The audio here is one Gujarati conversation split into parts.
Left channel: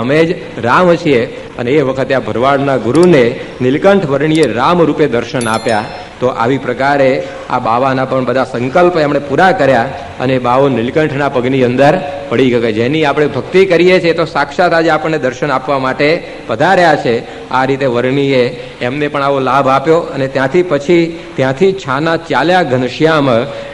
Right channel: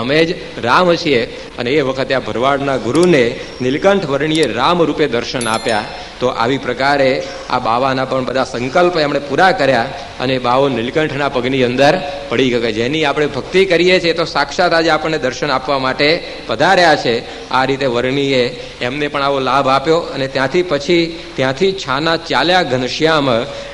અમે જ રામ છીએ. અને એ વખતે આ ભરવાડના ગુરુને નીલકંઠ વર્ણીએ રામ રૂપે દર્શન આપ્યા. તો આવી પ્રકારે આ બાવાના પણ બધા સંકલ્પ એમણે પૂરા કર્યા અને બાવો નીલકંઠના પગની અંદર પડી ગયો. જેની આપણે ભક્તિ કરીએ છીએ તો સાક્ષાત આજે આપણને દર્શન આપવા માટે પધાર્યા છે. આ રીતે વર્ણીએ એમને પણ આવો લાભ આપ્યો. અને ત્યાંથી છાના ચાલ્યા ઘનશ્યામ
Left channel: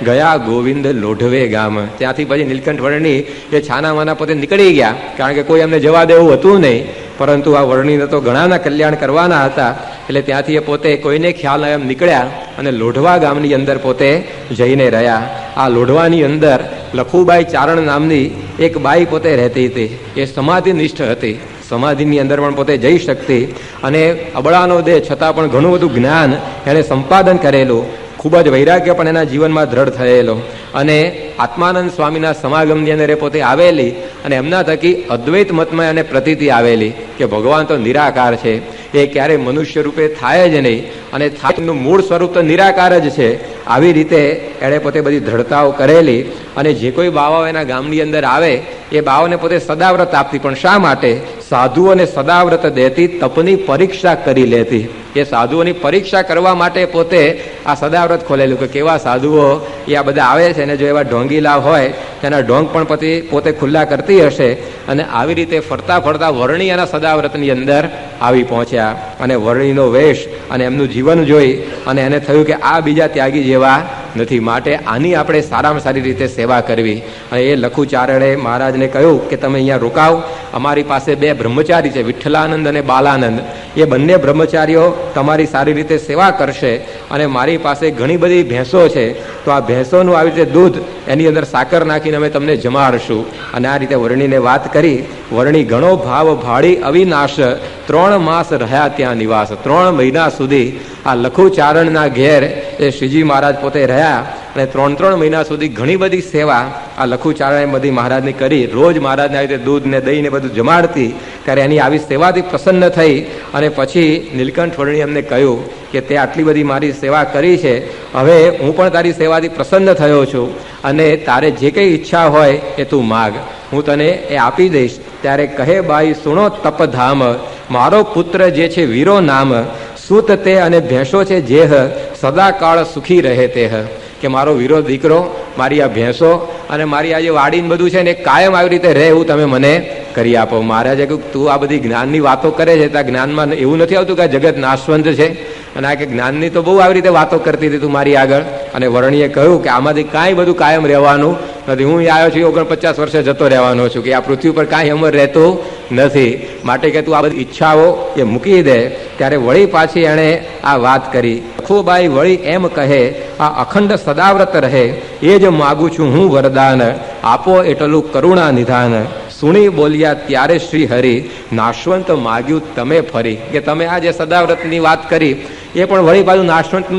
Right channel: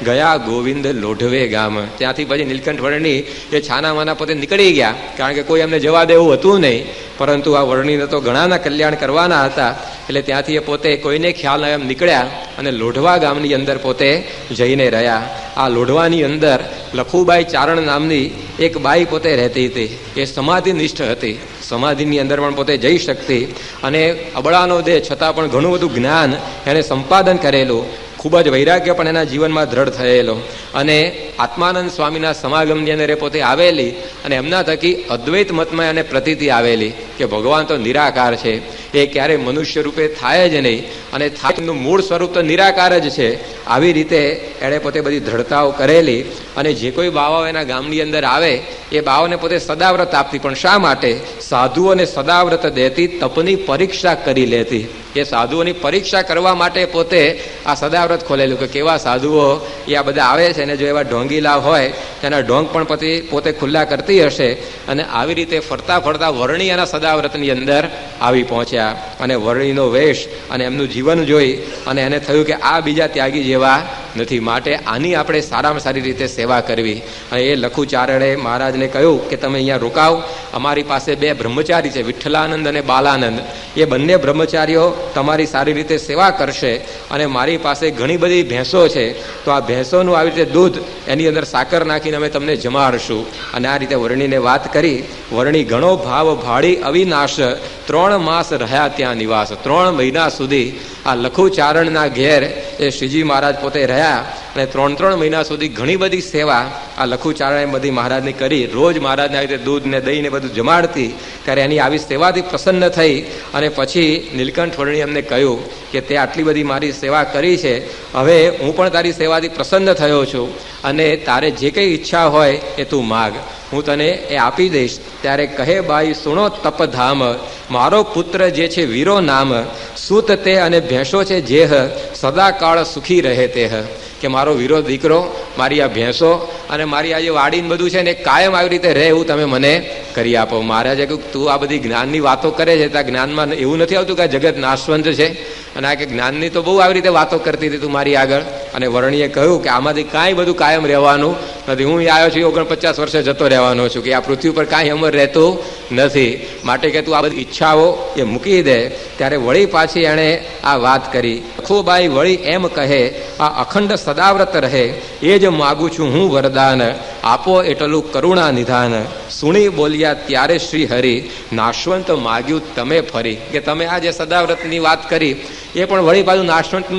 ગયા ગોવિંદ લોઢવે ગામ. ત્યાંથી પછી નીલકંઠ વર્ણી એ છાનામાના પોતે નીકળી ગયા, કારણ કે કોઈ એમને જવા દેવું હતું નહીં. પરંતુ આ વર્ણીને તો ઘણાના કલ્યાણ કરવાના હતા, એટલે ત્યાંથી એ પોતે કોઈને ખ્યાલ ન એમ નીકળ્યા અને લોઢવા ગામની અંદર પોતે જઈને રહ્યા. આ લોઢવાની અંદર લખુબાઈ ચારણ નામની એક બાઈ પોતે રહેતી હતી. એ સમાધિનિષ્ઠ હતી. સમાધિની અંદર પણ પોતે જઈ શકતી અને અબળાનો દેહ છતાં પણ ઘણું બધું જ્ઞાન એણે સંપાદન કરેલું. ખૂબ જ વૈરાગ્ય પણ એના જીવનમાં દ્રઢ થયેલો. અને આત્માનંદ સ્વામીના સમાગમની અંદર એ પોતે આવેલી અને એમના થકી અદ્વૈત મતમાં એને પ્રતીતિ આવેલી કે ભગવાન તો નિરાકાર છે, એ ક્યારેય મનુષ્ય રૂપે થાય જ નહીં અને થાકનું મૂળ સ્વરૂપ તો નિરાકાર જ છે. આવી રીતે એણે પોતે બધી દ્રઢતાઓ કરેલી. અને જે કોઈ બાવાઓ એના ગામની અંદર આવે એ બાવાને પોતે સદાવ્રત આપતી. પણ શા માટે? સાધુઓને સદાવ્રત દેતી, તપની પરીક્ષા કરી લેતી. એ સાધુઓની પરીક્ષા કરવા માટે પોતે આ સદાવ્રત ખોલેલું કે કેવા સાધુઓ એ આ બધા આવે છે, અને જો એવા ઢોંગીલા હોય એના ઢોંગ પણ પોતે ખુલ્લા કરતી હશે. અને આવી રીતે ફરતા ફરતા વર્ણી એના સદાવ્રતની અંદર આવી પહોંચ્યા. અને વર્ણીનો વેશ અને એમનું જીવન જોઈ અને એને થયું કે આ બીજા ત્યાગી જેવા નથી, માટે આની આપણે સારામાં સારી રીતે સેવા કરવી. અને એ લખુચારણે મહારાજને કહ્યું કે તમે અહીંયા રોકાવ, અમારી પાસે 2 બ્રહ્મચારી છે, વિઠ્ઠલાનંદ અને બાલાનંદ. એ બંને બ્રહ્મચારીઓ તમારી સારી રીતે સેવા કરશે. અને મારી પાસે ઘણી બધી ભેંસો છે, તો આ ભેંસોનું આવી રીતે દૂધ એની અંદર સાકર નાખીને અમે તમને જમાડશું. અને આ રીતે વર્ણીને વાત કરી. વર્ણી ઘણો ભાવ ભાળી અવિનાશ, 3 માસ રહ્યા ત્યાં નિવાસ. 3 મહિના સુધી આ લખુચારણના ઘેર એ શ્રીજી મહારાજ પોતે રહ્યા. અને 3 મહિના સુધી ઘણી બધી સેવા આ લખુચારણે બધી મહારાજની કરી. રોજ મહારાજને આવી રીતે દૂધ ને દહીં ને બધું જમાડતી. ત્યારે એની આવી સેવાથી પ્રસન્ન થઈ. અને પછી નીલકંઠ વર્ણી એમને કહ્યું કે તે આટલી બધી મારી સેવા કરી છે, હવે હું પણ તારી સેવાથી પ્રસન્ન થયો છું, અને તારે જે કંઈ ઈચ્છા હોય એ તું માગ, હું તને એ આપી દઈશ. ત્યારે કહે બાઈ સુણો તપધામ, મારો પુત્ર જે છે વીરો નામ, સૂત તે અને ભેંસો છે જેહ, સદાકાળ સુખી રહે તેહ. કે મારો વીરો દીકરો, મારી આ ભેંસો અને મારી આ જે વાડીને બધું છે ને કાયમ આવી રીતે રહે એવું તમે મને કરી આપો. મહારાજે કહ્યું તું આ બધી જ્ઞાનની વાતો કરે છે, ત્યાં જ્ઞાનમાં એવું નથી આવતું કે આ જગત નાશવંત છે, અને આ કે જ્ઞાનની તો બહુ આવી રીતે વાતો કરતી હતી તું મારી આગળ. અને વર્ણીએ કહ્યું કે આમાંથી કાંઈ બધું કાયમ રહેવાનું નથી. હું આવ્યો છું 49 વર્ષે જતો રહેવાનો છું, કે આ પૃથ્વી પર કાંઈ અમર રહેતું નથી, માટે કે તું આ બધી ઈચ્છાઓ એ મૂકી દે. ત્યારે વળી પાછી એણે આ વાત કરી. લખુબાઈ વળી એમ કહે, આ અખંડ સદાવ્રત રહે એ જ માગું છું હું વરદાન, આપો એટલું કરુણા નિધાન. સુણી બોલ્યા ત્યારે શ્રી હરિ, નાશવંત માગ્યું તમે ફરી. કે તમે આ જે સદાવ્રતની વાત કરી એ પણ વળી પાછું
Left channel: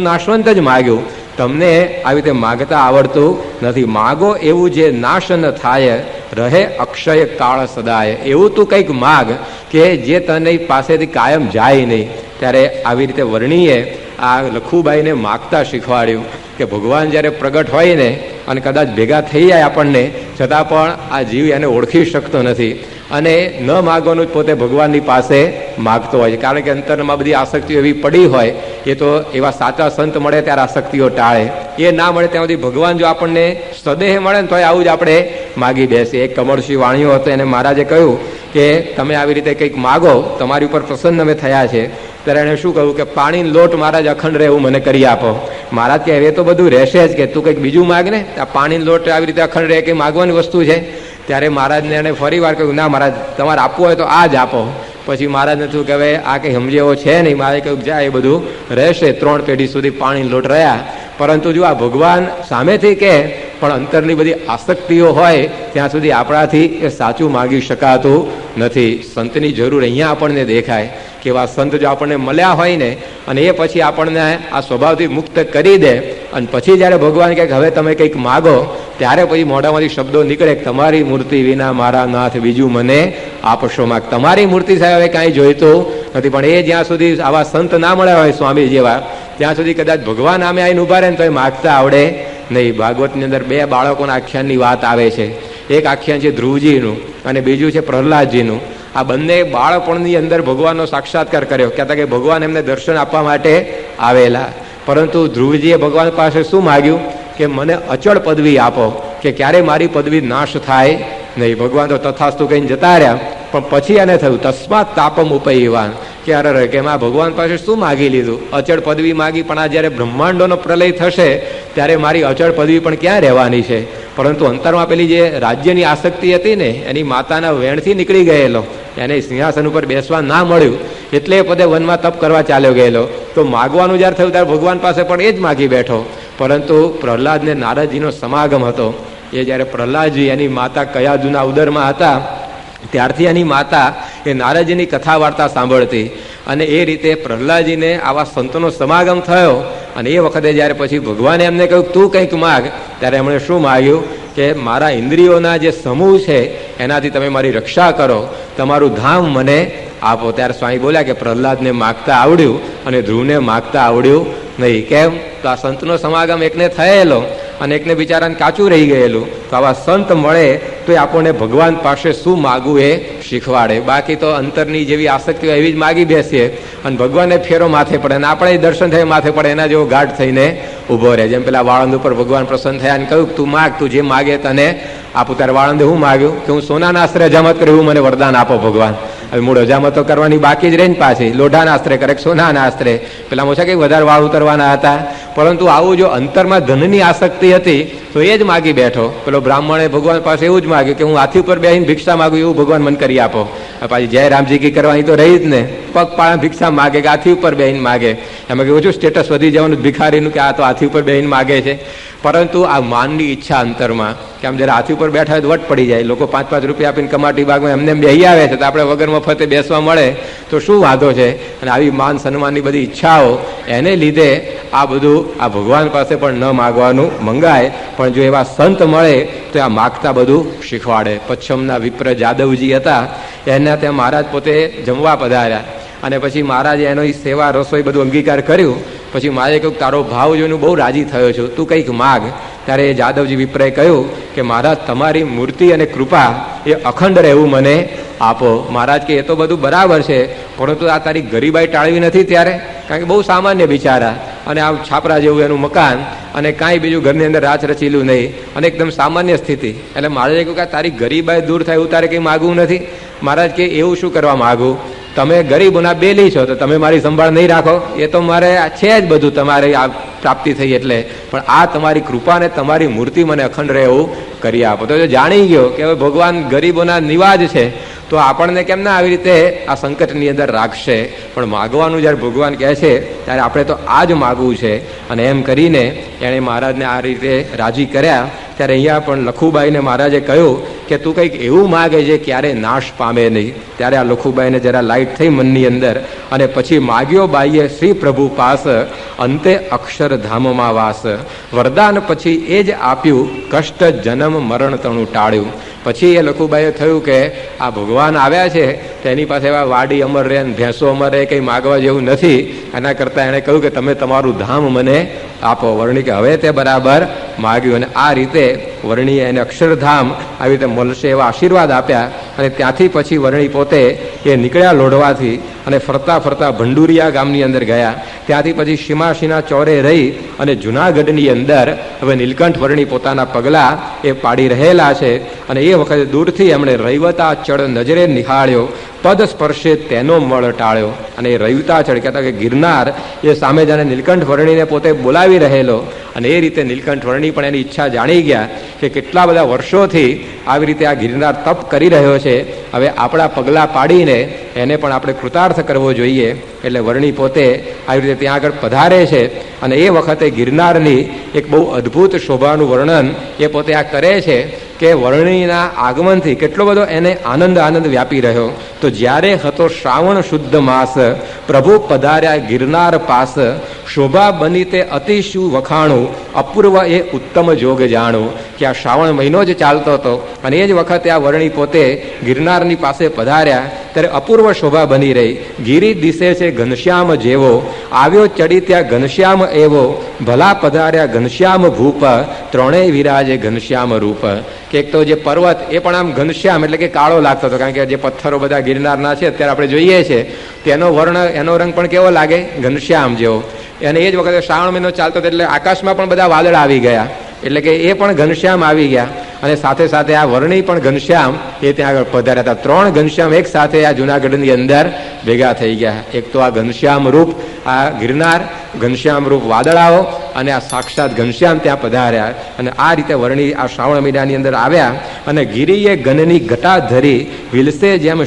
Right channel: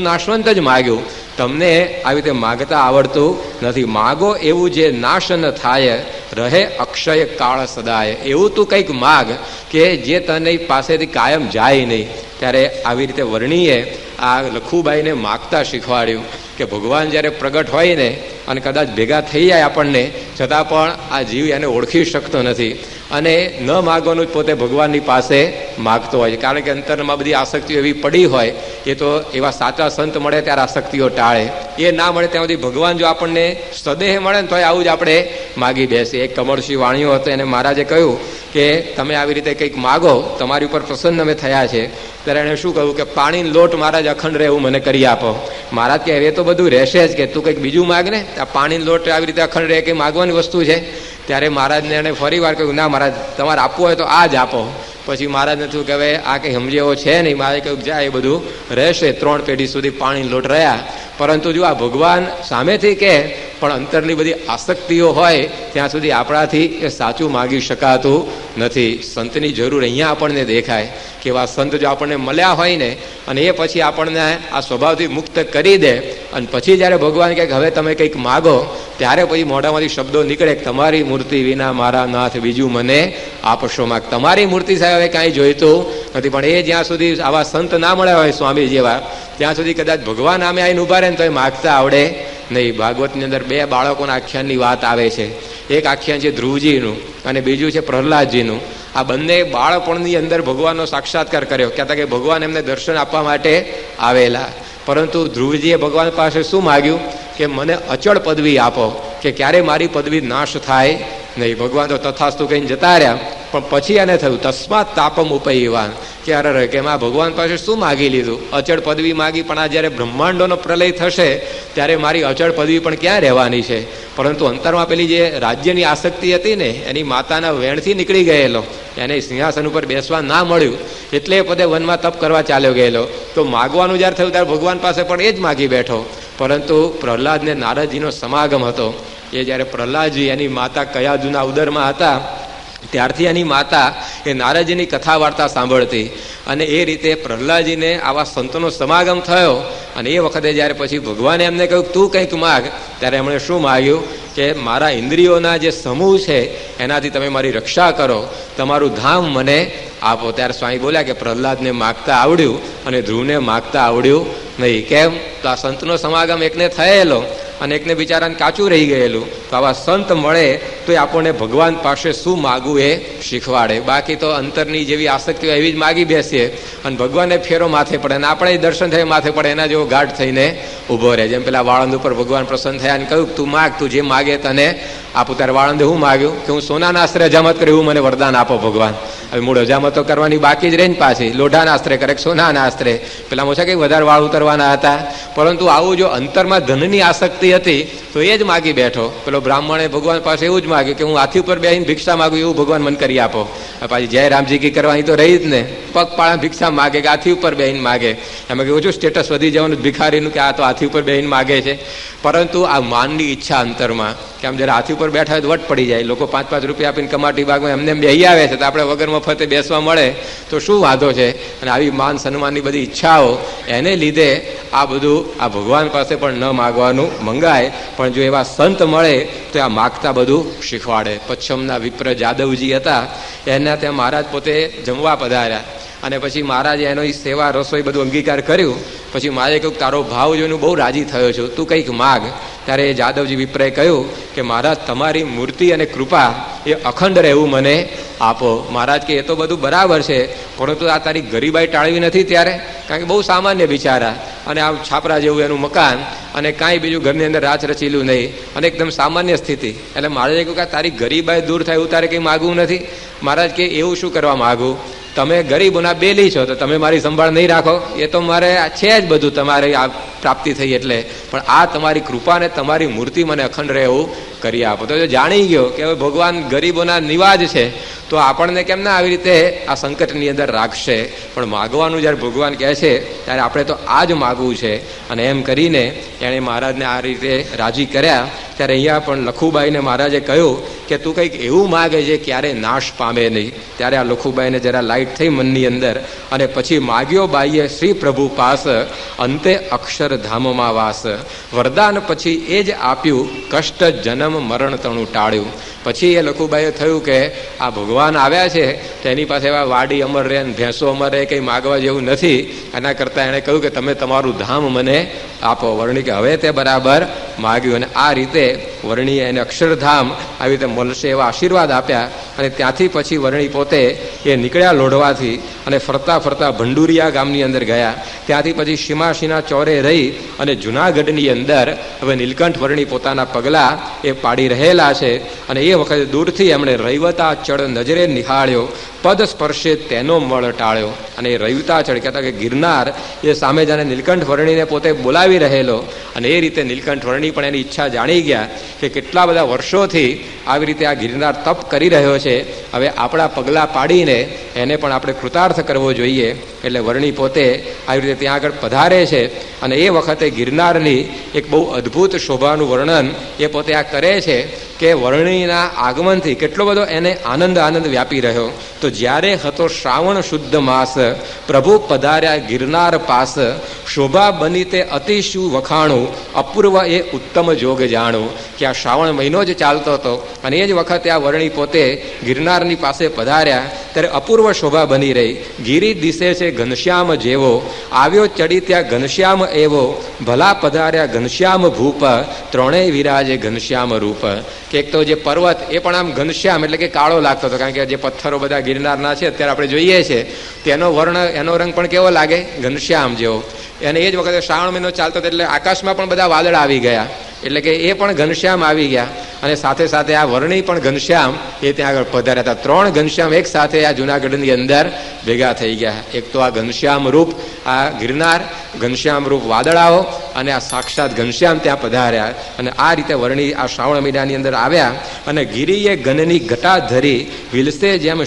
નાશવંત જ માગ્યું. તમને આવી રીતે માગતા આવડતું નથી. માગો એવું જે નાશ ન થાય, રહે અક્ષય કાળ સદાય. એવું તું કંઈક માગ કે જે તને પાસેથી કાયમ જાય નહીં. ત્યારે આવી રીતે વર્ણીએ આ લખુબાઈને માગતા શીખવાડ્યું કે ભગવાન જ્યારે પ્રગટ હોય ને અને કદાચ ભેગા થઈ જાય આપણને, છતાં પણ આ જીવ એને ઓળખી શકતો નથી. અને ન માગવાનું પોતે ભગવાનની પાસે માગતો હોય છે, કારણ કે અંતરમાં બધી આસક્તિઓ એવી પડી હોય. એ તો એવા સાચા સંત મળે ત્યારે આસક્તિઓ ટાળે, એ ના મળે ત્યાં સુધી ભગવાન જો આપણને સદેહ મળે ને તો આવું જ આપણે માગી બેસીએ. એક કમળસિંહ વાણિયો હતો, એને મહારાજે કહ્યું કે તમે આવી રીતે કંઈક માગો, તમારી ઉપર પ્રસન્ન અમે થયા છે. ત્યારે એણે શું કહ્યું કે પાણીનો લોટ મહારાજ અખંડ રહે એવું મને કરી આપો. મહારાજ કે હવે તો બધું રહેશે જ, કે તું કંઈક બીજું માગ ને, આ પાણીનો લોટ આવી રીતે અખંડ રહે કે માગવાની વસ્તુ છે. ત્યારે મહારાજને એને ફરી વાર કહ્યું ના મહારાજ તમારે આપવું હોય તો આ જ આપો. પછી મહારાજને થયું કે હવે આ કંઈ સમજે એવો છે નહીં. મહારાજે કહ્યું જાય એ બધું રહેશે. 3 પેઢી સુધી પાણીનો લોટ રહ્યા. પરંતુ જો આ ભગવાન સામેથી કહે પણ અંતરની બધી આસક્તિઓ હોય ત્યાં સુધી આપણાથી એ સાચું માગી શકાતું નથી. સંતની જરૂર અહીંયા આપણને દેખાય કે એવા સંત જો આપણને મળ્યા હોય ને અને એ પછી આપણને આ સ્વભાવથી મુક્ત કરી દે, અને પછી જ્યારે ભગવાન કહે કે હવે તમે કંઈક માગો, ત્યારે પછી મોઢામાંથી શબ્દો નીકળે કે તમારી મૂર્તિ વિના મારા નાથ બીજું મને આપશો માગ. તમારી મૂર્તિ સાહેબ હવે કાંઈ જોઈતું નથી. પણ એ જ્યાં સુધી આવા સંત ના મળ્યા હોય સ્વામી જેવા, ત્યાં સુધી કદાચ ભગવાન આમે આવીને ઉભા રહે ને તો એ માગતા આવડે નહીં. ભાગવતની અંદર 2 બાળકોના આખ્યાનની વાત આવે છે. એક આખ્યાન છે ધ્રુવજીનું અને બીજું છે પ્રહલાદજીનું. આ બંને બાળપણની અંદર ભગવાનનો સાક્ષાત્કાર કર્યો. કહેતા કે ભગવાન એમને દર્શન આપવા માટે આવેલા. પરંતુ ધ્રુવજીએ ભગવાન પાસે શું માગ્યું કે મને અચળ પદવી આપો, કે ક્યારે મારી પદવી નાશ થાય નહીં. ભગવાન તો તથાસ્તુ કહીને જતા રહ્યા. પણ પછી એને થયું તસ્માત તાપમ ઉપયવાન, કે અરે કે આ ભગવાન પાસે શું માગી લીધું, અચળ પદવી માગી, પણ આ જ્યારે બ્રહ્માંડોનો પ્રલય થશે ત્યારે મારી અચળ પદવી પણ ક્યાં રહેવાની છે. પરંતુ અંતરમાં પેલી જે રાજ્યની આસક્તિ હતી ને, એની માતાના વેણથી નીકળી ગયેલો, એને સિંહાસન ઉપર બેસવા ના મળ્યું, એટલે પદે વનમાં તપ કરવા ચાલ્યો ગયેલો. તો માગવાનું જ્યારે થયું ત્યારે ભગવાન પાસે પણ એ જ માગી બેઠો. પરંતુ પ્રહલાદને નારદજીનો સમાગમ હતો. એ જ્યારે પ્રહલાદજી એની માતા કયાદુના ઉદરમાં હતા ત્યારથી એની માતા એ નારદજીની કથા વાર્તા સાંભળતી. અને એ રીતે પ્રહલાદજીને આવા સંતોનો સમાગમ થયો. અને એ વખતે જ્યારે પછી ભગવાને એમને કહ્યું તું કંઈક માગ, ત્યારે એમણે શું માગ્યું કે મારા ઇન્દ્રિયોના જે સમૂહ છે એનાથી તમે મારી રક્ષા કરો, તમારું ધામ મને આપો. ત્યારે સ્વામી બોલ્યા કે પ્રહલાદને માગતા આવડ્યું અને ધ્રુવને માગતા આવડ્યું નહીં. કેમ? તો આ સંતનો સમાગમ એકને થયેલો અને એકને બિચારાને કાચું રહી ગયેલું. તો આવા સંત મળે તો એ આપણને ભગવાન પાસે શું માગવું એ શીખવાડે. બાકી તો અંતરની જેવી આસક્તિઓ એવી જ માગી બેસીએ અને ભગવાનને ફેરો માથે પડે અને આપણે દર્શન થાય માથે પડે, એના જેવો ગાઢ થઈને ઊભો રહે. જેમ પેલા વાળંદ ઉપર ભગવાન પ્રસન્ન થયા અને કહ્યું તું માગ, તું જે માગે તને આપું. ત્યારે વાળંદે હું માગ્યું કે હું સોનાના આસ્ત્રે હજામત કર્યું, મને વરદાન આપો ભગવાન. હવે મૂળ હજામતો કરવાની બાકી જ રહી ને પાછી લોઢાના આસ્ત્રે કરે, સોનાના આસ્ત્રે. પેલા ઓછા કંઈક વધારે વાળ ઉતરવાના હતા. પરંતુ આવું જો અંતરમાં ધનની આસક્તિ હતી તો એ જ માગી બેઠો. પેલો બ્રાહ્મણે ભગવાન પાસે એવું જ માગ્યું કે હું હાથી ઉપર બેસીને ભિક્ષા માગું, એવું ભગવાન મને કરી આપો. પાછી જય રામજી કી કરવાની તો રહી જ ને, પગપાળા ભિક્ષા માગે કે હાથી ઉપર બેસીને માગે. એમાં કે ઓછું સ્ટેટસ વધી જવાનું ભિખારીનું કે આ તો હાથી ઉપર બેસીને માગે છે. પરંતુ આ માનની ઈચ્છા અંતરમાં કે આમ જયારે હાથી ઉપર બેઠા હોય તો વટ પડી જાય. લોકો 5-5 રૂપિયા આપીને કમાટી બાગમાં એમને બેસી આવે છે, તો આપણે વગર મફતે બેસવા મળે તો શું વાંધો છે. અને આવી માન સન્માનની બધી ઈચ્છાઓ એને લીધે આ બધું આ ભગવાન પાસે પણ ન માગવાનું મંગાય. પણ જો એવા સંત મળે તો આ માગતા બધું શીખવાડે. પચ્છમના વિપ્ર જાદવજી હતા, એના ત્યાં મહારાજ પોતે જમવા પધાર્યા. અને પછી મહારાજે એનો સેવા રસોઈ બધું અંગીકાર કર્યું. પછી મહારાજે કહ્યું તારો ભાવ જોઈને બહુ રાજી થયો છું, તું કંઈક માગ. ત્યારે એ જાદવજી વિપ્રએ કહ્યું કે મહારાજ તમારી મૂર્તિ અને કૃપા એ અખંડ રહેવું મને આપો. મહારાજ કે એ તો બધું બરાબર છે, પરંતુ આ તારી ગરીબાઈ ટાળવી નથી ત્યારે, કારણ કે બહુ સામાન્ય બિચારા અને આમ છાપરા જેવું એનું મકાન અને કાંઈ બીજું ઘરની અંદર રાચ રચીલું નહીં અને એકદમ સામાન્ય સ્થિતિ. એટલે મહારાજે કહ્યું કે તારી ગરીબાઈ દૂર થાય એવું તારે કંઈ માગવું નથી. મહારાજ કે એવું શું કરવા માગું, તમે ગરીબોના બેલી છો તો તમે મારી સંભાળ નહીં રાખો, એ તો મારે છે જ બધું તમારે આ પ્રાપ્તિ થઈ એટલે, પણ આ તમારી કૃપા ને તમારી મૂર્તિ મને અખંડ રહે એવું કરી આપો. તો જાણી ગયો કે હવે ભગવાન ગરીબોના નિવાજ છે, તો આપણને કેમ ના આવી રીતે આ સંકટની અંદર રાખશે. પણ માગવાનું જ્યારે ભગવાન કહે છે ત્યારે આપણે તો આ જ માગવું છે. અને એમ કરીને એણે મહારાજને આ રીતે રાજી કર્યા. ત્યારે અહીંયા પણ લખુબાઈને મહારાજે કહ્યું કે તું કંઈક એવું માગે જે ક્યારે નાશ પામે નહીં. ત્યારે આ લખુબાઈને જરા લાઈટ થઈ મનની અંદર અને પછી માગ્યો બાઈએ શ્રી પ્રભુ પાસ, અંતે અક્ષરધામમાં વાસ. વરદાન પછી એ જ આપ્યું, કષ્ટ જન્મ મરણ તણું ટાળ્યું. પછી એ લખુબાઈએ થયું કે આ ભગવાન આવ્યા છે તો એની પાસે એવા વાડી અમર રહે ને ભેંસો અમર રહે, કંઈ માગવા જેવું નથી. એના કરતાં એણે કહ્યું કે તમે તમારું ધામ મને આપો. વર્ણી કે હવે તે બરાબર માગ્યું. અને આ રીતે વર્ણીએ એને અક્ષરધામ આવી રીતે મળશે એવા આશીર્વાદ આપ્યા. અને ત્યાંથી પછી વર્ણી પોતે એ નીકળ્યા લોઢવાથી અને ફરતા ફરતા ભંડુરિયા ગામની અંદર ગયા. ત્યાંથી પછી સીમાશીના ચોરે રહી અને જુનાગઢની અંદર હવે નીલકંઠ વર્ણી પોતાના પગલાં એ પાડી રહેલા છે. અને એ વખતે દૂરથી એમણે રૈવતા ચડ નજરે નિહાળ્યો, પદ સ્પર્શે તેનો મળ ટાળ્યો. અને એ રૈવતાચળ કહેતા કે ગિરનાર એ સામે જાણે નીલકંઠ વર્ણીને પોતે બોલાવી રહેલો. અને એ રીતે નીલકંઠ વર્ણી પણ એની ઈચ્છા જાણી ગયા કે કેટલા બધા વર્ષોથી આવી રીતે આ ગિરનાર તપ કરી રહ્યો છે, હવે આપણા પગલાં પાડીને એને પણ આપણે કૃતાર્થ કરવો જોઈએ. એટલે વર્ણી પોતે આવી રીતે ત્યાં આગળ પધારે છે. અને એ વખતે ગિરનારની એક બહુ અદ્ભુત શોભાનું વર્ણન એ પોતે આ કરે છે કે વર્ણીના આગમનથી કેટલો બધો એને આનંદ વ્યાપી રહ્યો. તો જ્યારે હતો શ્રાવણ શુદ્ધ માસ, પ્રભુ પધાર્યા ગિરનાર પાસ, શોભા બની તે અતિશુ વખાણું, અપૂર્વ એ ઉત્તમ જોગ જાણું. કે આ શ્રાવણ મહિનો જ ચાલતો હતો અને એ જ વખતે આ વર્ણી પોતે ગિરનારની પાસે પધાર્યા ત્યારે અપૂર્વ શોભા બની રહી. ગિરી દિશે છે ઘનશ્યામ જેવો, આવ્યો ચડી ત્યાં ઘનશ્યામ એવો, ભલા પધાર્યા ઘનશ્યામ ભૂપ, ત્રણેય વિરાજે ઘનશ્યામ રૂપ. કે એક તો જે પર્વત એ પણ આમ ઘનશ્યામ એટલે કે કાળો લાગતો હતો, કારણ કે જે પથ્થરો બધા ગિરનારના છે અત્યારે આપણે જોઈએ છે તેનો વર્ણ, એનો રંગ પણ કેવો લાગે? ઘનશ્યામ જેવો. અને એ જ વખતે શ્રાવણ મહિનો ચાલતો હતો એટલે આકાશમાં પણ બધા વાદળ આવી ગયા, એટલે કે એ પણ ઘનશ્યામ આવી ગયા. અને સાથે સાથે આ વર્ણી પણ ઘનશ્યામ એ ત્યાં આગળ પધાર્યા હતા. 3 ઘનશ્યામ એક સાથે આ જુનાગઢની અંદર ભેગા થઈ ગયા. એક તો આ ઘનશ્યામ રૂપ આ ગિરનાર, ઘનશ્યામ રૂપ વાદળાઓ, અને આ સાક્ષાત ઘનશ્યામ ત્યાં પધાર્યા. અને આ રીતે વર્ણી આ શ્રાવણ મહિનાની અંદર આવ્યા. અને ગિરિએ ગનની ઘટા ધરી, વિલસે જેમ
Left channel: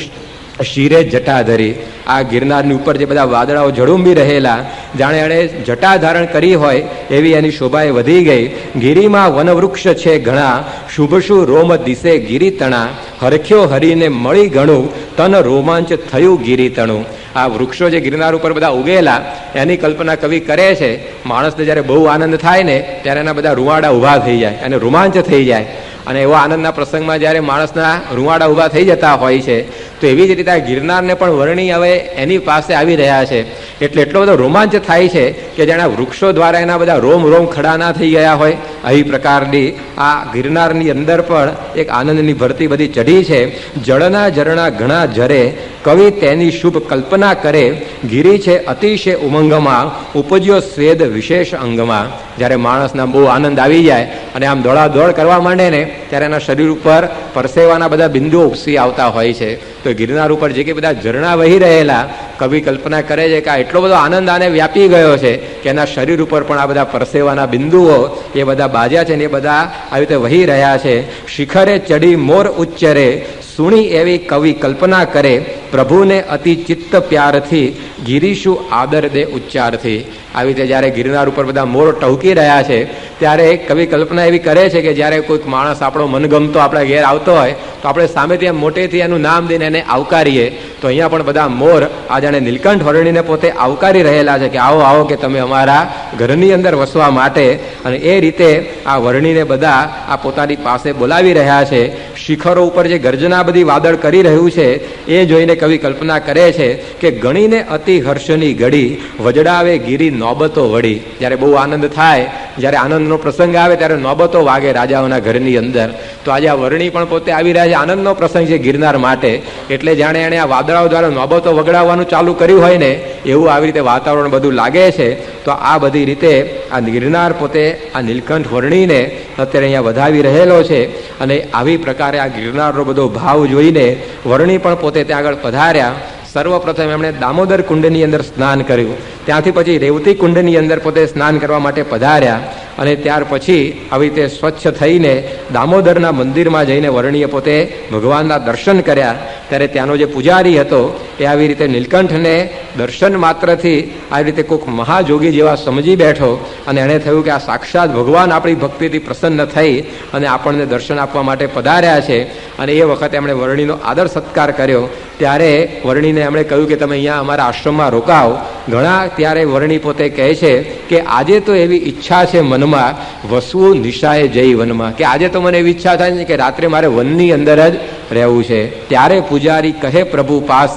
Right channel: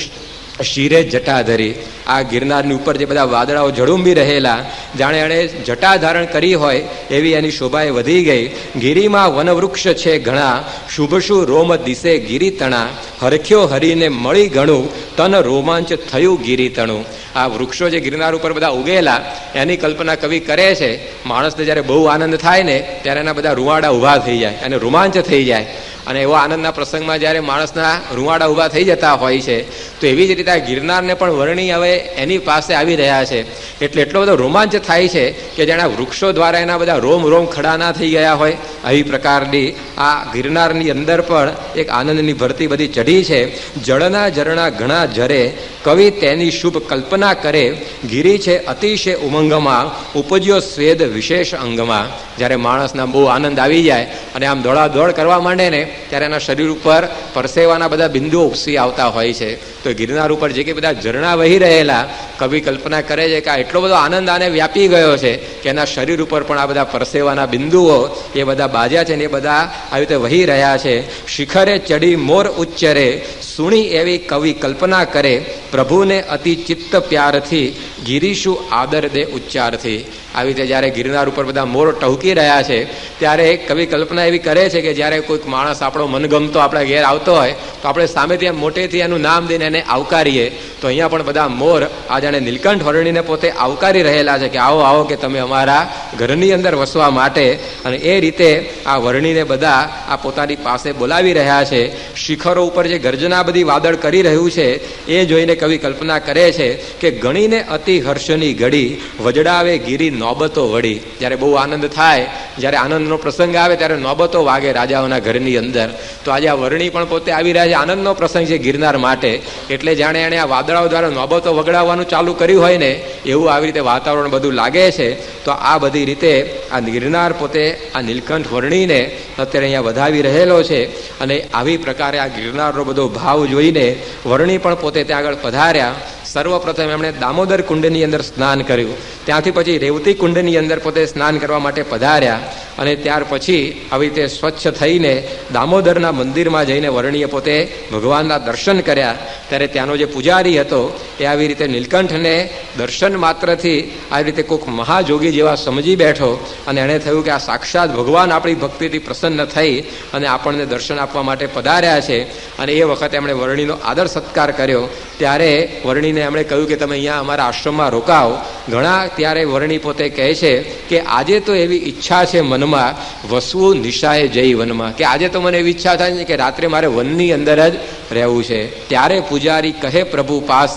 શિરે જટા ધરી. આ ગિરનારની ઉપર જે બધા વાદળાઓ ઝળુંબી રહેલા, જાણે એણે જટા ધારણ કરી હોય એવી એની શોભાએ વધી ગઈ. ગિરિમાં વનવૃક્ષ છે ઘણા, શુભશું રોમ દિશે ગિરી તણા. હરખ્યો હરીને મળી ઘણું, તન રોમાંચ થયું ગિરી તણું. આ વૃક્ષો જે ગિરનાર ઉપર બધા ઉગેલા એની કલ્પના કવિ કરે છે. માણસને જ્યારે બહુ આનંદ થાય ને ત્યારે એના બધા રૂવાડા ઊભા થઈ જાય અને રોમાંચ થઈ જાય. અને એવા આનંદના પ્રસંગમાં જ્યારે માણસના રૂવાડા ઊભા થઈ જતા હોય છે, તો એવી જ રીતે આ ગિરનારને પણ વર્ણી હવે એની પાસે આવી રહ્યા છે. એટલે એટલો બધો રોમાંચ થાય છે કે જાણે વૃક્ષો દ્વારા એના બધા રોમ રોમ ખડા ના થઈ ગયા હોય. આવી પ્રકારની આ ગિરનારની અંદર પણ એક આનંદની ભરતી બધી ચઢી છે. જળના ઝરણા ઘણા ઝરે, કવિ તેની શુભ કલ્પના કરે. ગિરી છે અતિશય ઉમંગમાં, ઉપજ્યો સ્વેદ વિશેષ અંગમાં. જ્યારે માણસના બહુ આનંદ આવી જાય અને આમ દોડાદોડ કરવા માંડે ને ત્યારે એના શરીર ઉપર પરસેવાના બધા બિંદુઓ ઉપસી આવતા હોય છે. તો ગિરનાર ઉપર જે કે બધા ઝરણા વહી રહેલા, કવિ કલ્પના કરે છે કે આ એટલો બધો આનંદ આને વ્યાપી ગયો છે કે એના શરીર ઉપર પણ આ બધા પરસેવાના બિંદુઓ એ બધા બાજ્યા છે ને એ બધા આવી રીતે વહી રહ્યા છે. શિખરે ચડી મોર ઉચ્ચરે, સુણી એવી કવિ કલ્પના કરે. પ્રભુને અતિ ચિત્ત પ્યારથી, ગિરીશું આદર દે ઉચ્ચારથી. આવી રીતે જ્યારે ગિરનાર ઉપર બધા મોર ટહુકી રહ્યા છે ત્યારે કવિ કલ્પના એવી કરે છે કે જ્યારે કોઈક માણસ આપણો મનગમતો આપણા ઘેર આવતો હોય તો આપણે સામેથી એમ મોટેથી એનું નામ દઈને એને આવકારીએ. તો અહીંયા પણ બધા મોર આ જાણે નીલકંઠ વર્ણીને પોતે આવકારી રહેલા છે કે આવો આવો કે તમે અમારા ઘરની અંદર વસવા માટે. અને એ રીતે આ વર્ણીને બધા આ પોતાની પાસે બોલાવી રહ્યા છે. શિખરો ઉપર જે ગર્જના બધી વાદળ કરી રહ્યું છે એ જોઈને કવિ કલ્પના કરે છે કે ગણીને અતિ હર્ષની ઘડી, વજડાવે ગિરી નોબતો વળી. જ્યારે બહુ આનંદ થાય, જ્યારે આનંદનો પ્રસંગ આવે ત્યારે નોબતો વાગે રાજાઓના ઘરની અંદર. તો આજે આ વર્ણી પણ પોતે આવી રહ્યા છે. આનંદનો પ્રસંગ છે ગિરનાર માટે. એટલે જાણે એણે આ વાદળાઓ દ્વારા નોબતો વગડાવવાનું ચાલુ કર્યું હોય ને એવું આવી રીતે વાતાવરણ બધું લાગે છે. તો આ બધી રીતે આ ગિરનાર પોતે આ નીલકંઠ વર્ણીને અત્યારે અહીંયા વધાવી રહેલો છે. અને આવી પ્રકારે આ ગિરનારનો બધો ભાવ જોઈને વર્ણી પણ પોતે ત્યાં આગળ પધાર્યા. સર્વપ્રથમ એમણે દામોદર કુંડની અંદર સ્નાન કર્યું. ત્યાંથી પછી રેવતી કુંડની અંદર પોતે સ્નાન કરવા માટે પધાર્યા. અને ત્યાર પછી આવી રીતે સ્વચ્છ થઈને દામોદરના મંદિરમાં જઈને વર્ણીએ પોતે ભગવાનના દર્શન કર્યા. ત્યારે ત્યાંનો જે પૂજારી હતો એ આવી રીતે નીલકંઠને દર્શન માત્રથી આવી રીતે કોઈક મહાજોગી જેવા સમજી બેઠો. અને એણે થયું કે આ સાક્ષાત ભગવાન આપણી ભક્તિથી પ્રસન્ન થઈ અને આપણને દર્શન આપવા માટે પધાર્યા છે. અને એ વખતે એમણે વર્ણીનો આદર સત્કાર કર્યો. ત્યારે વર્ણીને એમણે કહ્યું કે તમે અહીંયા અમારા આશ્રમમાં રોકાઓ. ઘણા ત્યારે વર્ણી પોતે કહે છે કે આજે તો એવી ઈચ્છા છે મનમાં, વસવું નિશાએ જઈ વનમાં. કે આજે તો મને એવી ઈચ્છા થાય છે કે રાત્રે મારે વનની અંદર જ રહેવું છે. ત્યારે પૂજારી કહે પ્રભુ પાસ,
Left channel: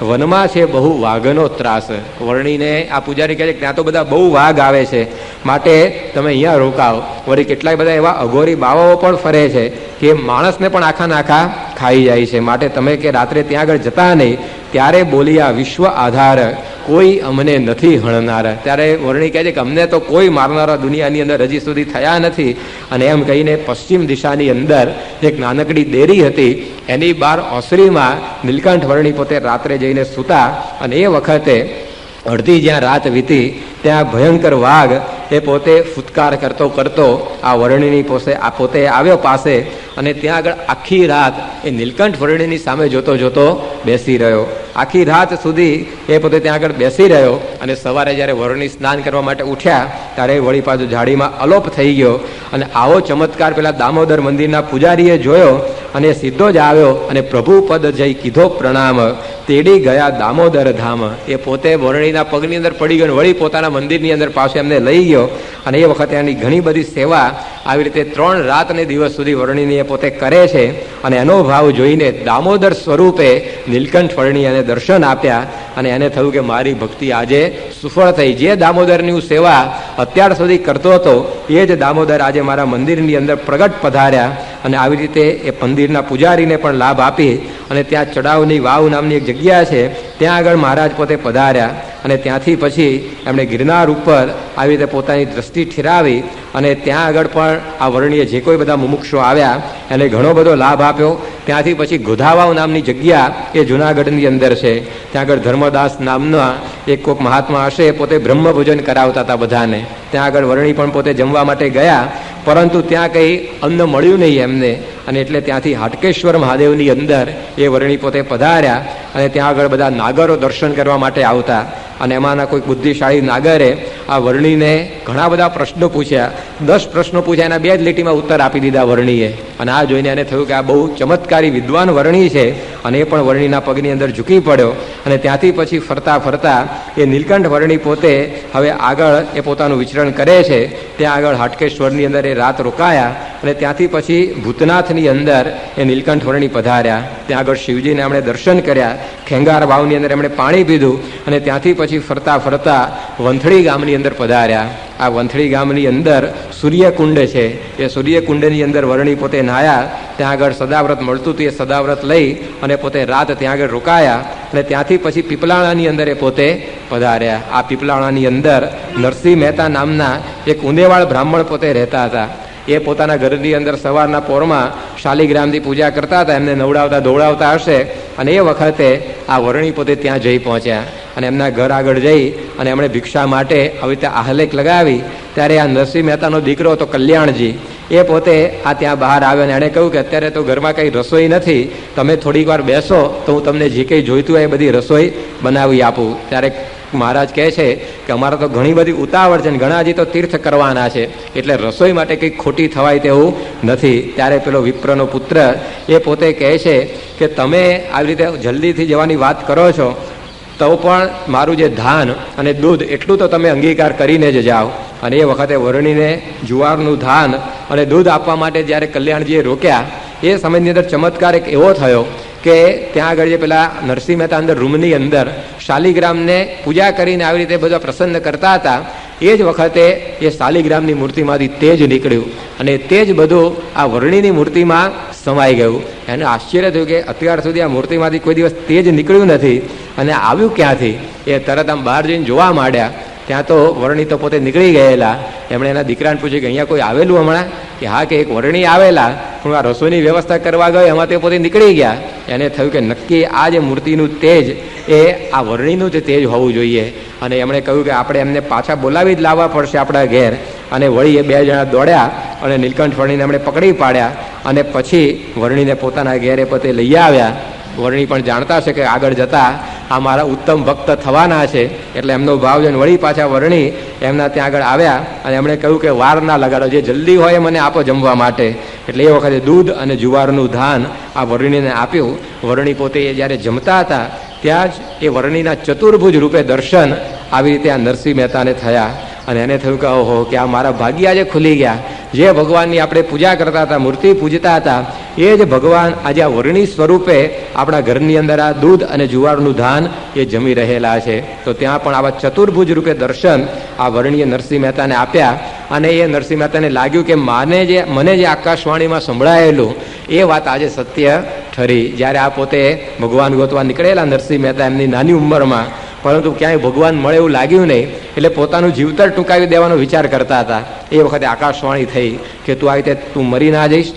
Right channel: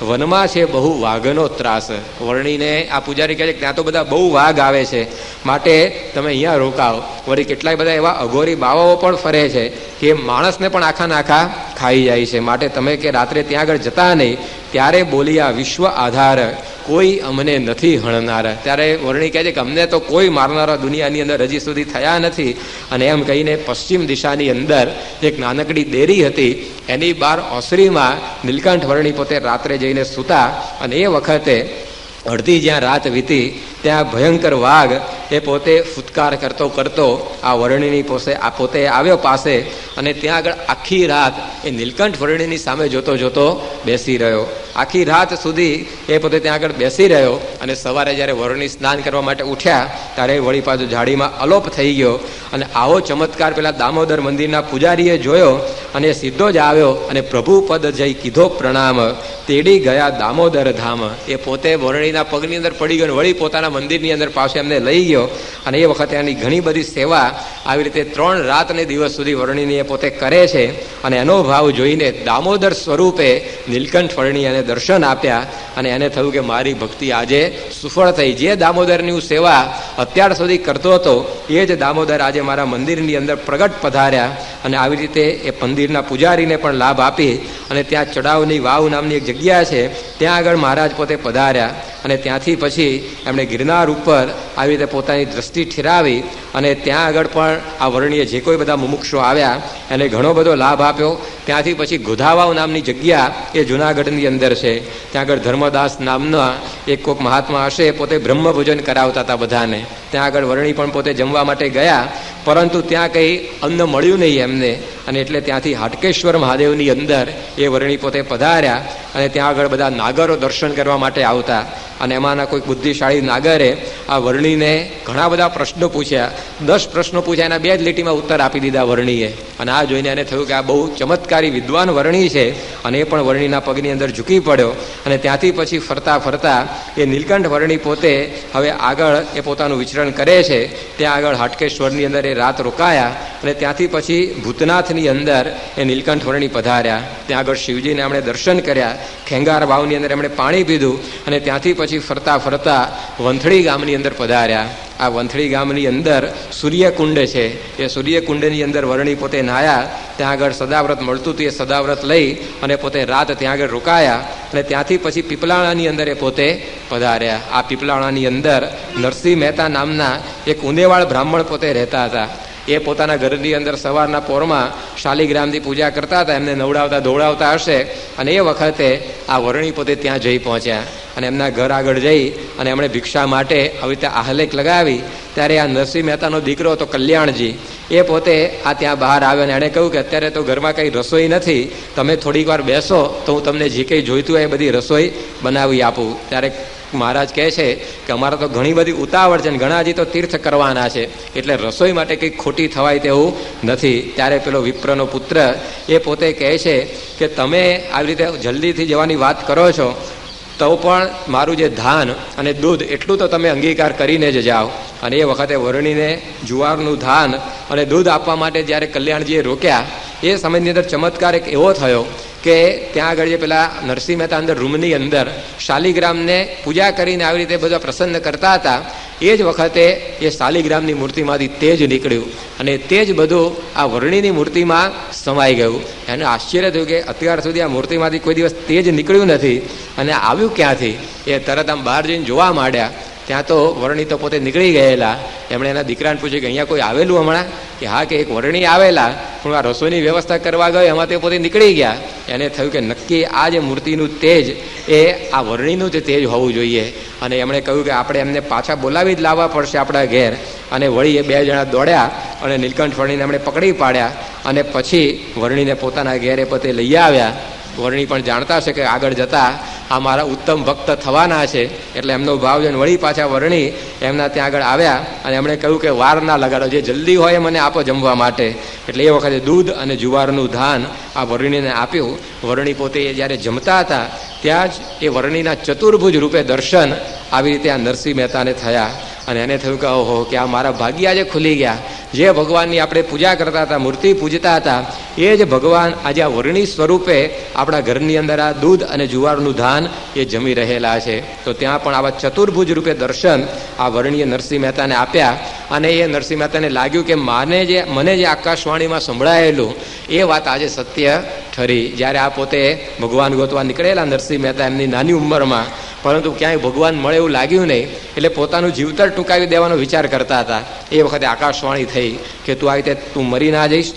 વનમાં છે બહુ વાઘનો ત્રાસ. વર્ણીને આ પૂજારી કહે છે કે ત્યાં તો બધા બહુ વાઘ આવે છે, માટે તમે અહીંયા રોકાઓ. વળી કેટલાય બધા એવા અઘોરી બાવાઓ પણ ફરે છે કે માણસને પણ આખા નાખા ખાઈ જાય છે, માટે તમે કે રાત્રે ત્યાં આગળ જતા નહીં. ત્યારે બોલ્યા વિશ્વ આધાર, કોઈ અમને નથી હણનાર. ત્યારે વર્ણી કહે છે કે અમને તો કોઈ મારનારા દુનિયાની અંદર હજી સુધી થયા નથી. અને એમ કહીને પશ્ચિમ દિશાની અંદર એક નાનકડી દેરી હતી, એની બહાર ઓસરીમાં નીલકંઠ વર્ણી પોતે રાત્રે જઈને સૂતા. અને એ વખતે અડધી જ્યાં રાત વીતી ત્યાં ભયંકર વાઘ એ પોતે ફૂટકાર કરતો કરતો આ વર્ણીની પોતે આવ્યો પાસે. અને ત્યાં આગળ આખી રાત એ નીલકંઠ વર્ણીની સામે જોતો જોતો બેસી રહ્યો. આખી રાત સુધી એ પોતે ત્યાં આગળ બેસી રહ્યો. અને સવારે જ્યારે વર્ણી સ્નાન કરવા માટે ઉઠ્યા ત્યારે વળી પાછું ઝાડીમાં અલોપ થઈ ગયો. અને આવો ચમત્કાર પેલા દામોદર મંદિરના પૂજારીએ જોયો અને સીધો જ આવ્યો અને પ્રભુ પદ જઈ કીધો પ્રણામ, તેડી ગયા દામોદર ધામ. એ પોતે વર્ણીના પગની અંદર પડી ગયો, વળી પોતાના મંદિરની અંદર પાસે એમને લઈ ગયો. અને એ વખતે એની ઘણી બધી સેવા આવી રીતે 3 રાત અને દિવસ સુધી વર્ણીની એ પોતે કરે છે. અને એનો ભાવ જોઈને દામોદર સ્વરૂપે નીલકંઠ વર્ણી એને દર્શન આપ્યા અને એને થયું કે મારી ભક્તિ આજે સફળ થઈ. જે દામોદરની હું સેવા અત્યાર સુધી કરતો હતો એ જ દામોદર આજે મારા મંદિરની અંદર પ્રગટ પધાર્યા. અને આવી રીતે એ મંદિરના પૂજારીને પણ લાભ આપી અને ત્યાં ચડાવની વાવ નામની એક જગ્યા છે ત્યાં આગળ મહારાજ પોતે પધાર્યા. અને ત્યાંથી પછી એમણે ગિરનાર ઉપર આવી રીતે પોતાની દ્રષ્ટિ ઠેરાવી અને ત્યાં આગળ પણ આ વર્ણીએ જે કોઈ બધા મુમુક્ષો આવ્યા એને ઘણો બધો લાભ આપ્યો. ત્યાંથી પછી ગોધાવાવ નામની જગ્યા એ જૂનાગઢની અંદર છે. ત્યાં આગળ ધર્મદાસ નામના એક કોઈક મહાત્મા હશે પોતે બ્રહ્મભોજન કરાવતા હતા બધાને. ત્યાં આગળ વર્ણી પણ પોતે જમવા માટે ગયા પરંતુ ત્યાં કંઈ અન્ન મળ્યું નહીં એમને અને એટલે ત્યાંથી હાટકેશ્વર મહાદેવની અંદર એ વર્ણી પોતે પધાર્યા. અને ત્યાં આગળ બધા નાગરો દર્શન કરવા માટે આવતા અને એમાંના કોઈ બુદ્ધિશાળી નાગરે આ વર્ણીને ઘણા બધા પ્રશ્નો પૂછ્યા. 10 પ્રશ્નો પૂછ્યા, એના 2 જ લીટીમાં ઉત્તર આપી દીધા વર્ણીએ. અને આ જોઈને એને થયું કે આ બહુ ચમત્કારી વિદ્વાન વર્ણી છે અને એ પણ વર્ણીના પગની અંદર ઝૂકી પડ્યો. અને ત્યાંથી પછી ફરતા ફરતા એ નીલકંઠ વર્ણી પોતે હવે આગળ એ પોતાનું વિચરણ કરે છે. ત્યાં આગળ હાટકેશ્વરની અંદર એ રાત રોકાયા અને ત્યાંથી પછી ભૂતનાથની અંદર એ નીલકંઠ વર્ણી પધાર્યા. ત્યાં આગળ શિવજીને એમણે દર્શન કર્યા. ખેંગાર વાવની અંદર એમણે પાણી પીધું અને ત્યાંથી પછી ફરતા ફરતા વંથળી ગામની અંદર પધાર્યા. આ વંથળી ગામની અંદર સૂર્યકુંડ છે. એ સૂર્યકુંડની અંદર વર્ણી પોતે નાહ્યા. ત્યાં આગળ સદાવ્રત મળતું હતું, એ સદાવ્રત લઈ અને પોતે રાત ત્યાં આગળ રોકાયા. અને ત્યાંથી પછી પીપલાણાની અંદર એ પોતે પધાર્યા. આ પીપલાણાની અંદર નરસિંહ મહેતા નામના એક ઉંદેવાળ બ્રાહ્મણ પોતે રહેતા હતા. એ પોતાના ઘરની અંદર સવારના પોરમાં શાલિગ્રામથી પૂજા કરતા હતા. એમને નવડાવતા ધોવડાવતા હશે અને એ વખતે આ વર્ણી પોતે ત્યાં જઈ પહોંચ્યા અને એમના ઘર આગળ જઈ અને એમણે ભિક્ષા માટે આવી રીતે આહલેખ લગાવી. ત્યારે આ નરસિંહ મહેતાનો દીકરો હતો કલ્યાણજી, એ પોતે આ ત્યાં બહાર આવ્યો અને એણે કહ્યું કે અત્યારે તો ઘરમાં કંઈ રસોઈ નથી, તમે થોડીક વાર બેસો તો હું તમને જે કંઈ જોઈતું હોય એ બધી રસોઈ બનાવી આપું. ત્યારે મહારાજ કહે છે કે અમારે તો ઘણી બધી ઉતાવળ છે અને ઘણા હજી તો તીર્થ કરવાના છે એટલે રસોઈ માટે કંઈક ખોટી થવાય તેવું નથી. ત્યારે પેલો વિપ્રનો પુત્ર એ પોતે કહે છે કે તમે આવી રીતે જલ્દીથી જવાની વાત કરો છો તો પણ મારું જે ધાન અને દૂધ એટલું તો તમે અંગીકાર કરીને જ જાઓ. અને એ વખતે વર્ણીને જુવારનું ધાન અને દૂધ આપવા માટે જ્યારે કલ્યાણજીએ રોક્યા એ સમયની અંદર ચમત્કાર એક એવો થયો કે ત્યાં આગળ જે પેલા નરસિંહ મહેતા અંદર રૂમની અંદર શાલિગ્રામને પૂજા કરીને આવી રીતે બધા પ્રસન્ન કરતા હતા એ જ વખતે એ શાલિગ્રામની મૂર્તિમાંથી તેજ નીકળ્યું અને તેજ બધું આ વર્ણીની મૂર્તિમાં સમાઈ ગયું. એને આશ્ચર્ય થયું કે અત્યાર સુધી આ મૂર્તિમાંથી કોઈ દિવસ તેજ નીકળ્યું નથી અને આવ્યું ક્યાંથી. એ તરત આમ બહાર જઈને જોવા માંડ્યા. ત્યાં તો વર્ણી તો પોતે નીકળી ગયેલા. એમણે એના દીકરાને પૂછ્યું કે અહીંયા કોઈ આવેલું હમણાં? કે હા, કે એક વર્ણી આવેલા, હું આ રસોઈની વ્યવસ્થા કરવા ગયો એમાં તે પોતે નીકળી ગયા. એને થયું કે નક્કી આ જે મૂર્તિનું તેજ એ આ વર્ણીનું જ તેજ હોવું જોઈએ. અને એમણે કહ્યું કે આપણે એમને પાછા બોલાવી જ લાવવા પડશે આપણા ઘેર. અને વળી એ 2 જણા દોડ્યા અને નીલકંઠ વર્ણીને એમણે પકડી પાડ્યા અને પછી વર્ણીને પોતાના ઘેરે પોતે લઈ આવ્યા. વર્ણી પણ જાણતા છે કે આગળ જતા આ મારા ઉત્તમ ભક્ત થવાના છે એટલે એમનો ભાવ જોઈને વળી પાછા વર્ણી એમના ત્યાં આગળ આવ્યા અને એમણે કહ્યું કે વાર ના લગાડો, જે જલ્દી હોય મને આપો જમવા માટે. એટલે એ વખતે દૂધ અને જુવારનું ધાન આ વર્ણીને આપ્યું. વર્ણી પોતે જ્યારે જમતા હતા ત્યાં જ એ વર્ણીના ચતુર્ભુજ રૂપે દર્શન આવી રીતે આ નરસિંહ મહેતાને થયા અને એને થયું કે ઓહો, કે આ મારા ભાગ્ય આજે ખુલી ગયા. જે ભગવાનની આપણે પૂજા કરતા હતા, મૂર્તિ પૂજતા હતા, એ જ ભગવાન આજે આ વર્ણી સ્વરૂપે આપણા ઘરની અંદર આ દૂધ અને જુવારનું ધાન એ જમી રહેલા છે. તો ત્યાં પણ આવા ચતુર્ભુજ રૂપે દર્શન આ વર્ણીએ નરસિંહ મહેતાને આપ્યા. અને એ નરસિંહ મહેતાને લાગ્યું કે મને જે આકાશવાણીમાં સંભળાયેલું એ વાત આજે સત્ય ઠરી. જ્યારે આ પોતે ભગવાન ગોતવા નીકળેલા નરસિંહ મહેતા એમની નાની ઉંમરમાં, પરંતુ ક્યાંય ભગવાન મળે એવું લાગ્યું નહીં એટલે પોતાનું જીવતર ટૂંકાવી દેવાનો વિચાર કરતા હતા. એ વખતે આકાશવાણી થઈ કે તું આવી રીતે તું મરી ના જઈશ,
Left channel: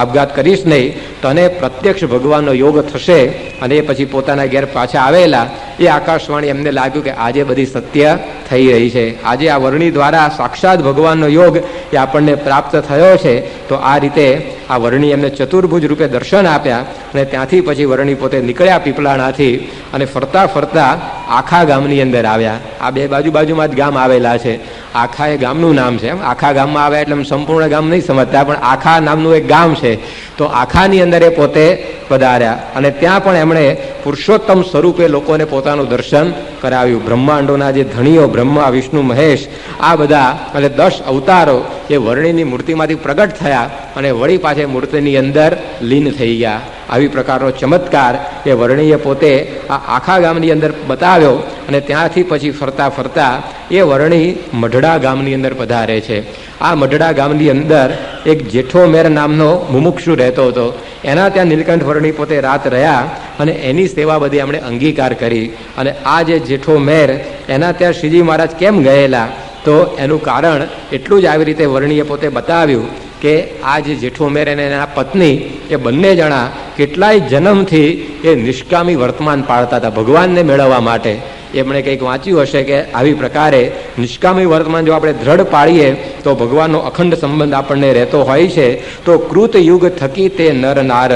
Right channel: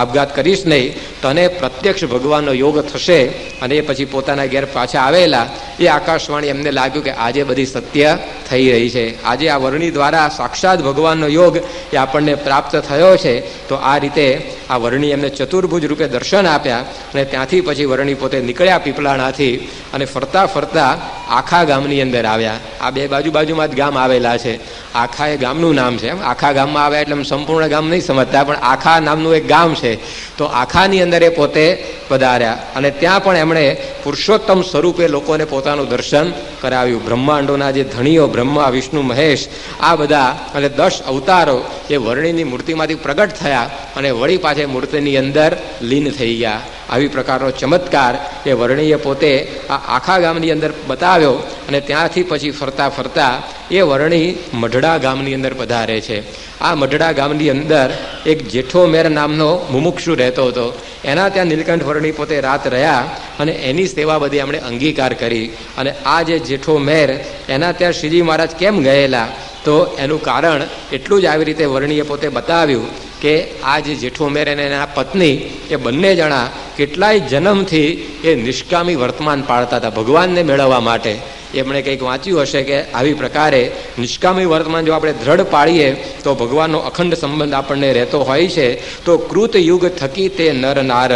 આપઘાત કરીશ નહીં, તને પ્રત્યક્ષ ભગવાનનો યોગ થશે. અને એ પછી પોતાના ઘેર પાછા આવેલા. એ આકાશવાણી એમને લાગ્યું કે આજે બધી સત્ય થઈ રહી છે, આજે આ વર્ણી દ્વારા સાક્ષાત ભગવાનનો યોગ એ આપણને પ્રાપ્ત થયો છે. તો આ રીતે આ વર્ણી એમને ચતુર્ભુજ રૂપે દર્શન આપ્યા અને ત્યાંથી પછી વર્ણી પોતે નીકળ્યા પીપળાણાથી અને ફરતા ફરતા આખા ગામની અંદર આવ્યા. આ 2 બાજુમાં જ ગામ આવેલા છે. આખા એ ગામનું નામ છે. આખા ગામમાં આવ્યા એટલે સંપૂર્ણ ગામ નહીં સમજતા, પણ આખા નામનું એક ગામ છે. તો આખાની અંદર એ પોતે પધાર્યા અને ત્યાં પણ એમણે પુરુષોત્તમ સ્વરૂપે લોકોને પોતાનું દર્શન કરાવ્યું. બ્રહ્માંડોના જે ધણીઓ બ્રહ્મા, વિષ્ણુ, મહેશ, આ બધા અને 10 અવતારો એ વર્ણીની મૂર્તિમાંથી પ્રગટ થયા અને વળી પાછે મૂર્તિની અંદર લીન થઈ ગયા. આવી પ્રકારનો ચમત્કાર એ વર્ણીએ પોતે આ આખા ગામની અંદર બતાવ્યો. અને ત્યાંથી પછી ફરતા ફરતા એ વર્ણી મઢડા ગામની અંદર પધારે છે. આ મઢડા ગામની અંદર એક જેઠો મેર નામનો મુમુક્ષુ રહેતો હતો. એના ત્યાં નીલકંઠ વર્ણી પોતે રાત રહ્યા અને એની સેવા બધી એમણે અંગીકાર કરી. અને આ જે જેઠો મેર એના ત્યાં શ્રીજી મહારાજ કેમ ગયેલા, તો એનું કારણ એટલું જ આવી રીતે વર્ણીએ પોતે બતાવ્યું કે આ જે જેઠો મેર અને એના પત્ની એ બંને જણા કેટલાય જન્મથી એ નિષ્કામી વર્તમાન પાળતા હતા ભગવાનને મેળવવા માટે. એમણે કંઈક વાંચ્યું હશે કે આવી પ્રકારે નિષ્કામી વર્તમાન જો આપણે દ્રઢ પાડીએ તો ભગવાનનો અખંડ સંબંધ આપણને રહેતો હોય છે. તો કૃત યુગ થકી તે નર નાર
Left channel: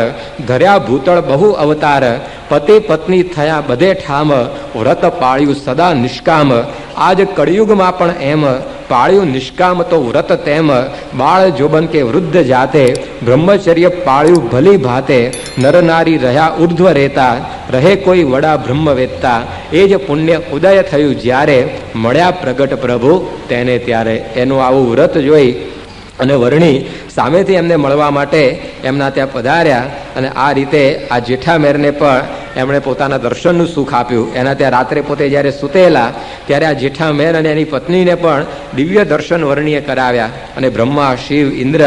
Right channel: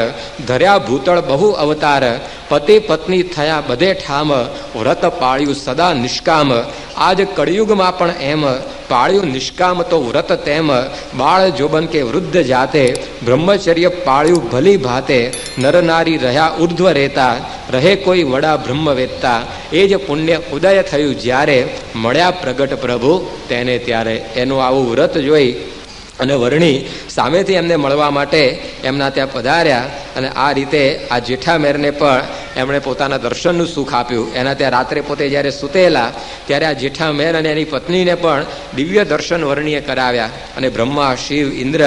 ધર્યા ભૂતળ બહુ અવતાર પતિ પત્ની થયા બધે ઠામ વ્રત પાળ્યું સદા નિષ્કામ. આજ કળિયુગમાં પણ એમ પાળ્યું નિષ્કામ તો વ્રત તેમ બાળ જોબન કે વૃદ્ધ જાતે બ્રહ્મચર્ય પાળ્યું ભલી ભાતે નર નારી રહ્યા ઉર્ધ્વ રહેતા રહે કોઈ વડા બ્રહ્મ વેદતા એ જ પુણ્ય ઉદય થયું જ્યારે મળ્યા પ્રગટ પ્રભુ તેને ત્યારે. એનું આવું વ્રત જોઈ અને વર્ણી સામેથી એમને મળવા માટે એમના ત્યાં પધાર્યા. અને આ રીતે આ જેઠા મેરને પણ એમણે પોતાના દર્શનનું સુખ આપ્યું. એના ત્યાં રાત્રે પોતે જ્યારે સૂતેલા ત્યારે આ જેઠા મેર અને એની પત્નીને પણ દિવ્ય દર્શન વર્ણીએ કરાવ્યા. અને બ્રહ્મા, શિવ, ઇન્દ્ર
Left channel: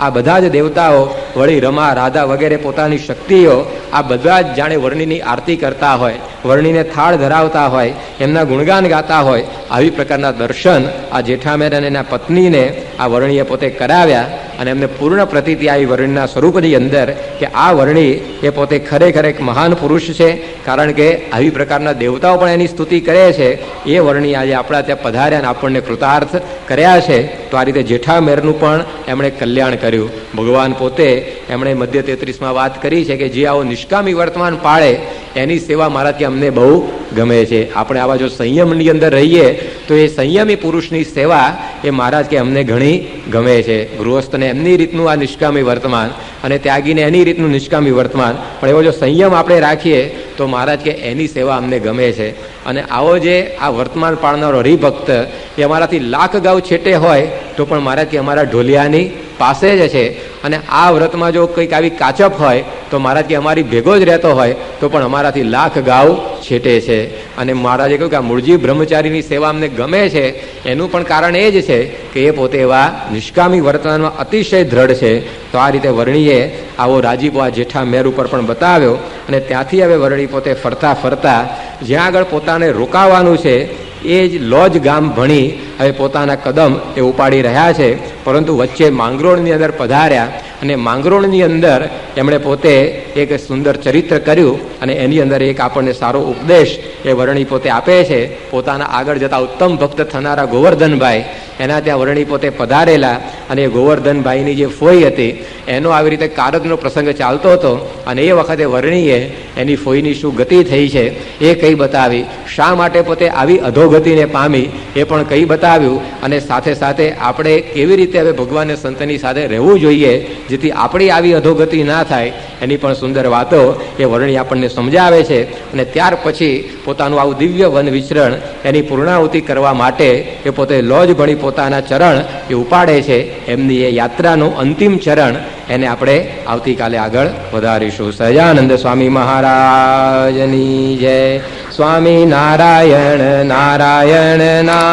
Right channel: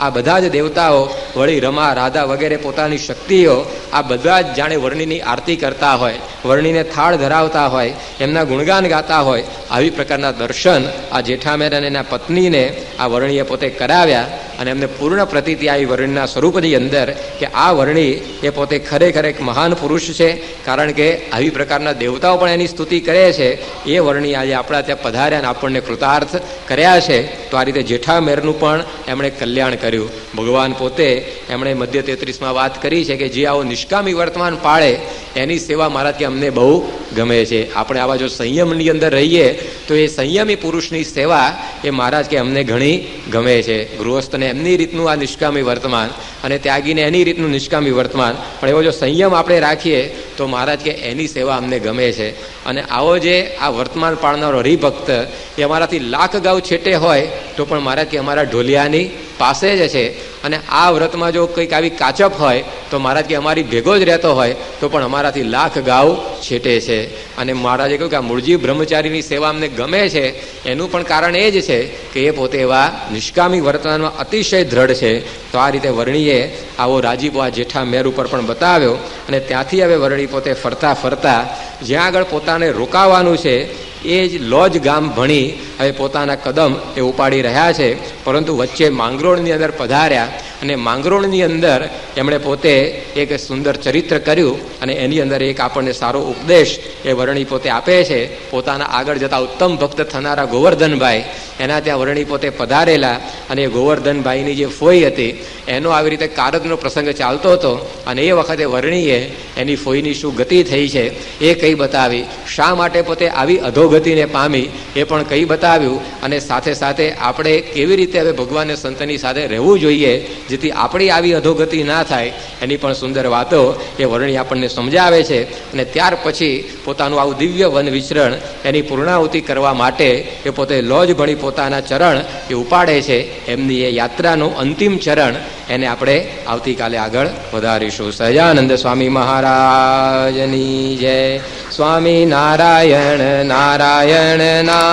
આ બધા જ દેવતાઓ વળી રમા, રાધા વગેરે પોતાની શક્તિઓ આ બધા જ જાણે વર્ણીની આરતી કરતા હોય, વર્ણીને થાળ ધરાવતા હોય, એમના ગુણગાન ગાતા હોય. આવી પ્રકારના દર્શન આ જેઠા મેર અને એના પત્નીને આ વર્ણીએ પોતે કરાવ્યા. અને એમને પૂર્ણ પ્રતીતિ આવી વર્ણના સ્વરૂપની અંદર કે આ વર્ણી એ પોતે ખરેખર એક મહાન પુરુષ છે. કારણ કે આવી પ્રકારના દેવતાઓ પણ એની સ્તુતિ કરે છે. એ વર્ણી આજે આપણા ત્યાં પધાર્યા અને આપણને કૃતાર્થ કર્યા છે. તો આ રીતે જેઠા મેરનું પણ એમણે કલ્યાણ કર્યું. ભગવાન પોતે એમણે મધ્ય 33માં વાત કરી છે કે જે આવો નિષ્કામી વર્તમાન પાળે એની સેવા મારા ત્યાં અમને બહુ ગમે છે. આપણે આવા જો સંયમની અંદર રહીએ તો એ સંયમી પુરુષની સેવા એ મહારાજ કે અમને ઘણી ગમે છે. ગૃહસ્થને એમની રીતનું આ નિષ્કામી વર્તમાન અને ત્યાગીને એની રીતનું નિષ્કામી વર્તમાન, પણ એવો જો સંયમ આપણે રાખીએ તો મહારાજ કે એની સેવા અમને ગમે છે. અને આવો જે આ વર્તમાન પાળનારો હરિભક્ત એ અમારાથી લાખ ગાઉ છેટે હોય તો પણ મહારાજ કે અમારા ઢોલિયાની પાસે જ છે. અને આ વ્રતમાં જો કંઈક આવી કાચપ હોય તો મહારાજ કે અમારી ભેગો જ રહેતો હોય તો પણ અમારાથી લાખ ગાઉ છેટે છે. અને મહારાજે કહ્યું કે આ મૂળજી બ્રહ્મચારીની સેવા અમને ગમે છે એનું પણ કારણ એ જ છે કે એ પોતે એવા નિષ્કામી વર્તમાનમાં અતિશય દ્રઢ છે. તો આ રીતે વર્ણીએ આવો રાજીપો આ જેઠા મેર ઉપર પણ બતાવ્યો. અને ત્યાંથી હવે વર્ણી પોતે ફરતા ફરતા જ્યાં આગળ પોતાને રોકાવાનું છે એ જ લોજ ગામ ભણી હવે પોતાના કદમ એ ઉપાડી રહ્યા છે. પરંતુ વચ્ચે માંગરોળની અંદર પધાર્યા અને માંગરોળની અંદર એમણે પોતે એક સુંદર ચરિત્ર કર્યું. અને એની અંદર એક આપણને સારો ઉપદેશ એ વર્ણી પોતે આપે છે. પોતાના આગળ જતા ઉત્તમ ભક્ત થનારા ગોવર્ધનભાઈ એના ત્યાં વર્ણી પોતે પધારેલા. અને એ ગોવર્ધનભાઈની જે ફોઈ હતી એનો આવી રીતે કારકનો પ્રસંગ ચાલતો હતો. અને એ વખતે વર્ણીએ એની ફોઈની શું ગતિ થઈ છે એ કઈ બતાવી, શા માટે પોતે આવી અધોગતિને પામી એ પણ કઈ બતાવ્યું. અને સાથે સાથે આપણે કેવી રીતે હવે ભગવાન સંતની સાથે રહેવું જોઈએ જેથી આપણી આવી અધોગતિ ના થાય એની પણ સુંદર વાતો એ વર્ણી આપણને સમજાવે છે. અને ત્યાર પછી પોતાનું આવું દિવ્ય વન વિચરણ એની પૂર્ણાહુતિ કરવા માટે એ પોતે લોજ ભણી પોતાના ચરણ એ ઉપાડે છે. એમની એ યાત્રાનું અંતિમ ચરણ એને આપણે આવતીકાલે આગળ વધારીશું. સહજાનંદ સ્વામી મહારાજની જય. સ્વામી નારાયણ નારાયણ નારાયણ.